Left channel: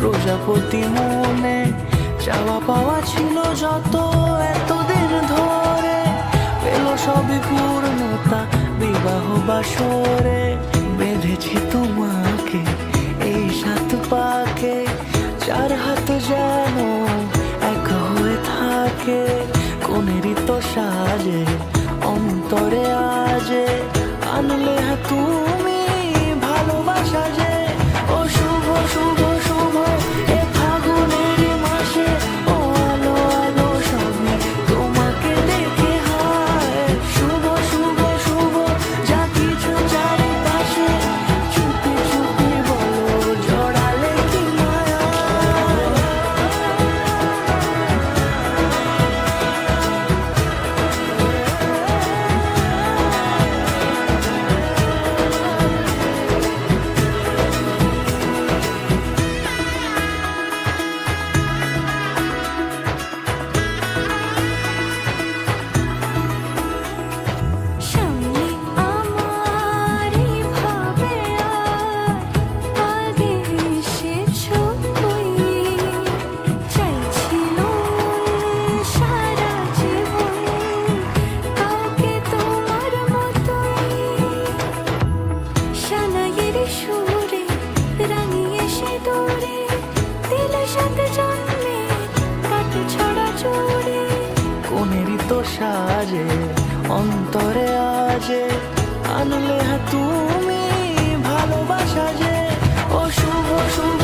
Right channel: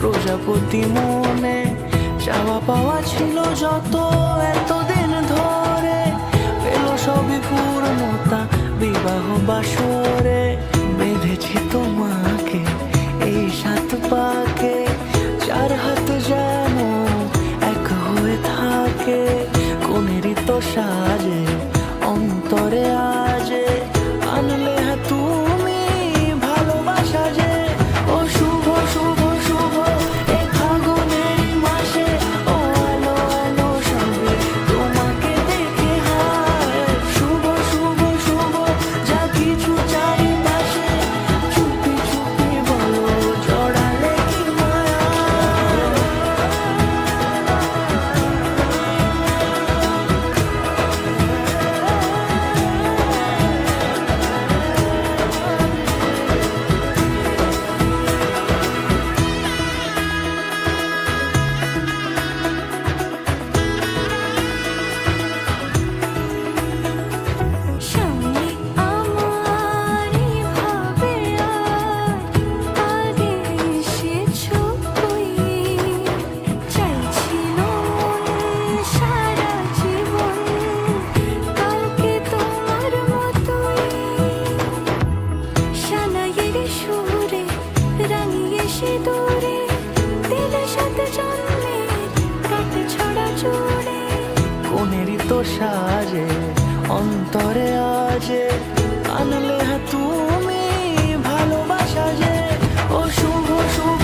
প্রজাপতি মনে চাওয়া পাওয়া ছিল যত এতদিন ধরে, পেল সবই পূর্ণতা বিবাহ বাসরে। বেঁধেছি তোমাকে এই 7 পাকে, 4 হাত যেন এক হয়ে থাকে। কোনেরই তো সাজে অন্তরে আজে, আনলে তুমি ভালোবাসা যে। ও শুভ শুভ শুভ এ ফাগুনেরই মাসে, ও আলো আলো সবই তোমাকে দেখে হায়। শুভ শুভ শুভ যা কিছু চারিপাশে, চুপি চুপি বলো জড়ালে কি মায়া। সামনে আমার ভাবে আর আগে এসেছো কই, চাইছিল সারা জীবন কাউকে তোমার মতোই। সানাইয়ের সুরে রাঙিয়ে সে দূরে, দিলে 7 জন্মের কাট ছড়া জুড়ে। কোনেরই তো সাজে অন্তরে আজে, আনলে তুমি ভালোবাসা যে। ও শুভ শুভ